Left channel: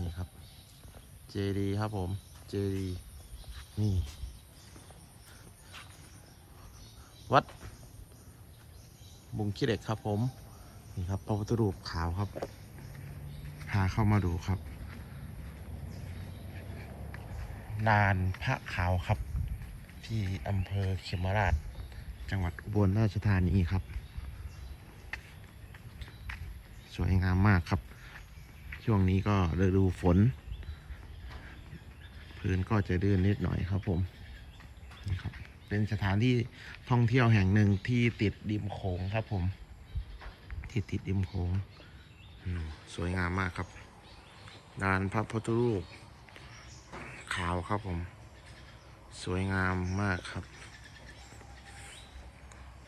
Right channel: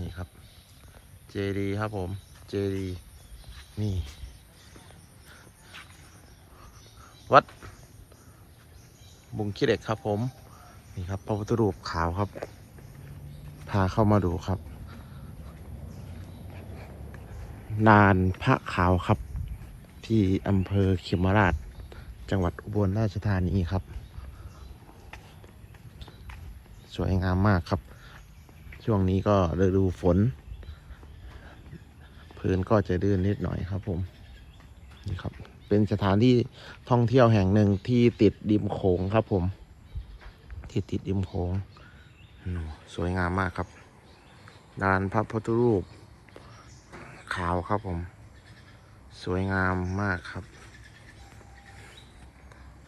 นี่ครับ เจดีครับผม เจดีนี่ วัด บุงขี้เหล็กครับผม นี่ครับพระพุทธรูปขาวครับ พาเข้ามาดูครับ ลานพระขาวครับ ที่อำเภอเขมราช จังหวัดอุบลราชธานีครับ สวยงามมากครับ ช่วงนี้ก็ฤดูฝน พื้นก็จะดื้นนิดหน่อยครับผมนี่ครับ เป็นสถานที่ท่องเที่ยวแห่งหนึ่งที่ติดริมโขงครับผม ที่ติดริมโขงสวยงามมากครับลานพระพุทธรูป ขาวครับผม สวยงามมากครับ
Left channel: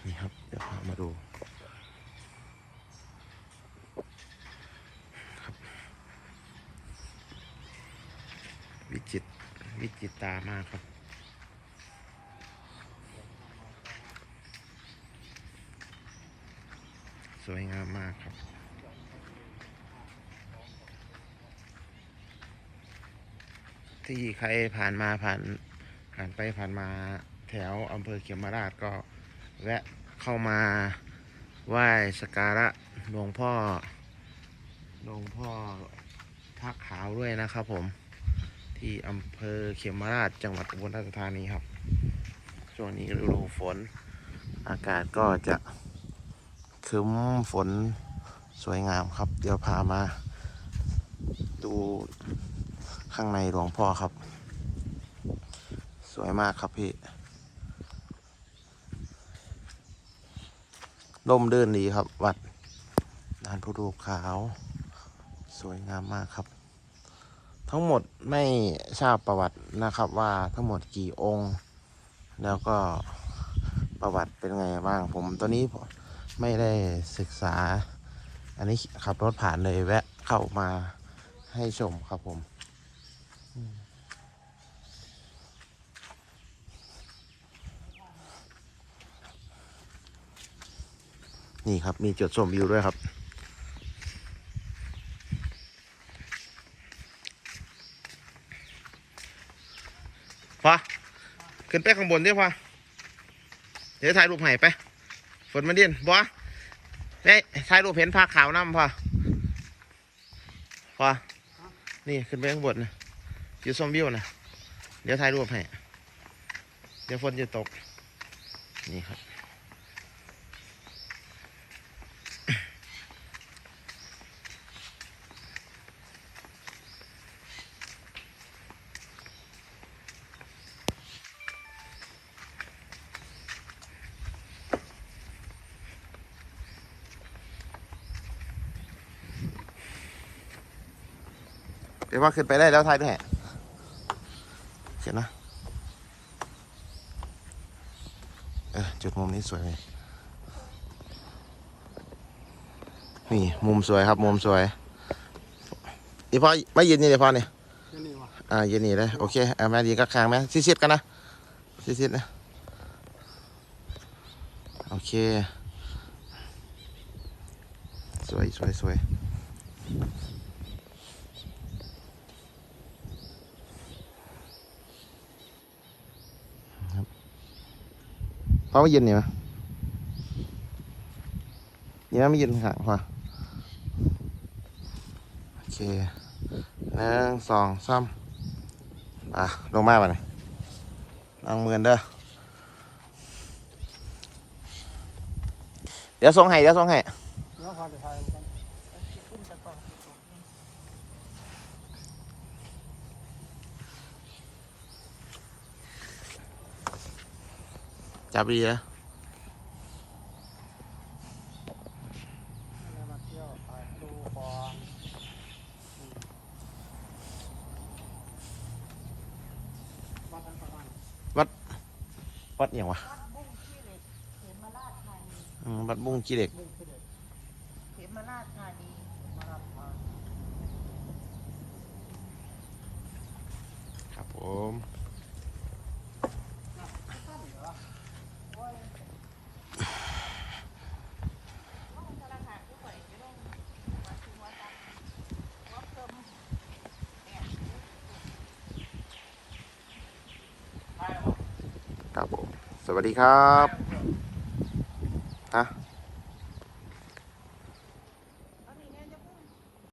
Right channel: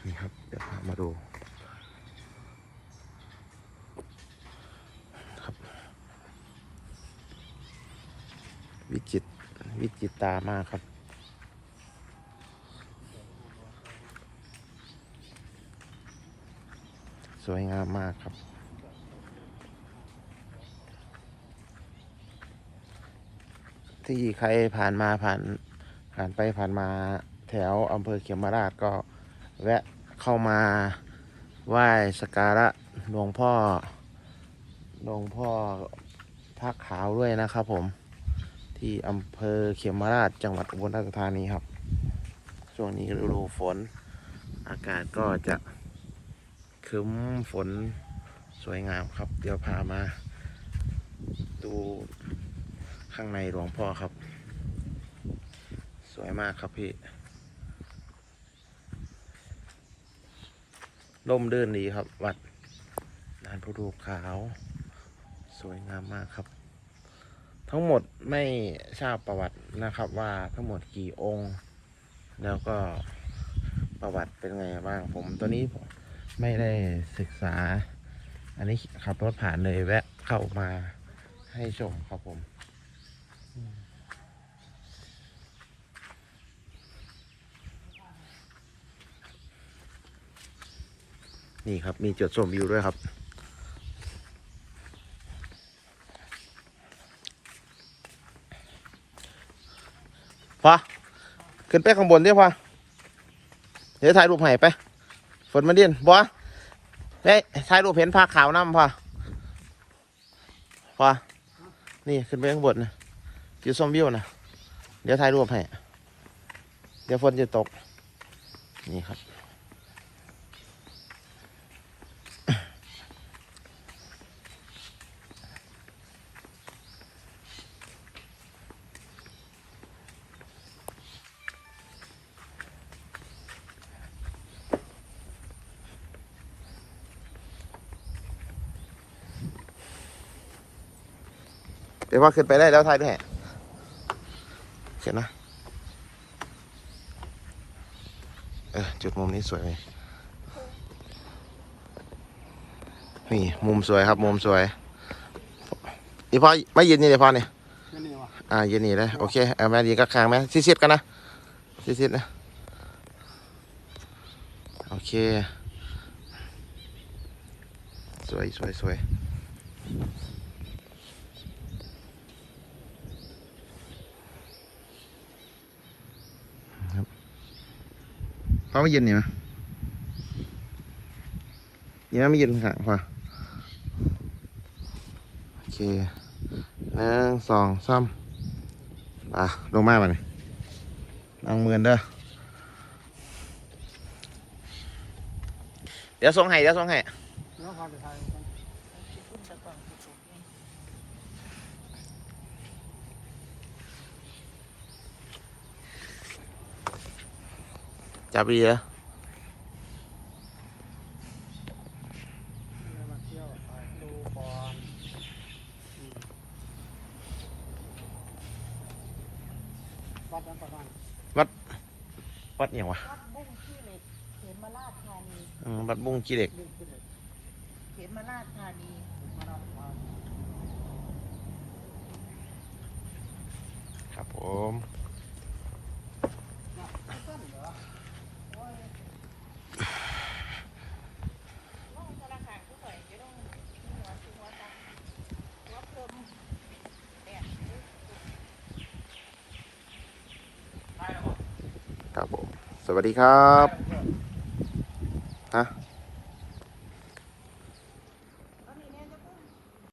นี่ครับ เดี๋ยวพามาดู ครับ วิจิตวิจิตตามากครับ สวยงามมากครับที่ใครผ่านมาผ่านผ่านไปผ่านมาแถวอำเภอเขียมราชก็แวะเข้ามาไหว้สการะหลวงพ่อหลวงพ่อพระขาวด้วยนะครับผม ที่อำเภอเขียมราชจังหวัดอุบลราชธานีครับ ช่วงนี้ฤดูฝน อากาศก็จะคึ้มฝนสวยงามครับ เดี๋ยวพามา ดูข้างในหลวงพ่อครับ สวยมากครับพี่ร่มเดินดีครับ วัดลานพุรูปขาว สวยงามมากครับ ทั้งหมดไม่ทราบประวัตินะครับว่าทั้งหมดกี่องค์ แล้วก็ประวัติเป็นไงบ้างผมตัวนี้ผมไม่ได้ศึกษา อันนี้ขับรถผ่านเลยแวะเข้ามาให้ชมครับผมอืมนี่ครับ มีจุดชมวิวด้วยครับ พอขึ้นไปข้างบนเดี๋ยวพอเดี๋ยวถ่ายรูปให้ไป ฝนมาเดีนบัวเฮ้ถ่ายรูปเห็นผ้าขาวน้ำพอพอนี่ขึ้นไปข้างบนนะอยู่ชมวิวนะเดี๋ยวถ่ายรูปให้ เดี๋ยวฝนจะตก นี่ครับ เดี๋ยวว่าขึ้นไปได้แล้วถ่ายด้วยให้เขียนนะ เออจุดมุมนี้สวยเลยนี่มุมสวยครับ มุมสวยอีพ่อไม่ยืนนี่เลยพ่อเนี่ยนั่นนี่วะอ่ายืนนี่เลยโอเคเอาแม่ดีก็ค้างไหมซิดๆกันนะซิดๆนะโอเค สวยสวยสวยครับ ฟ้าไม่ยืนนี่ไหมนี่ยไม่ยืนข้างพ่อโอเคหนึ่งสองสามอะลงมาบ่เนี่ยนั่งเมือนเด้อเดี๋ยวส่งให้เดี๋ยวส่งให้ เนื้อหอมไทย จับดีนะมาเที่ยวถ่ายดูบอลวัดนั้นประมาณวัดอหย่างวะวัดบุ้งขี้เหล็กเขมราชธานีอืมวัดบุ้ ครับผม สวัสดีครับฮะ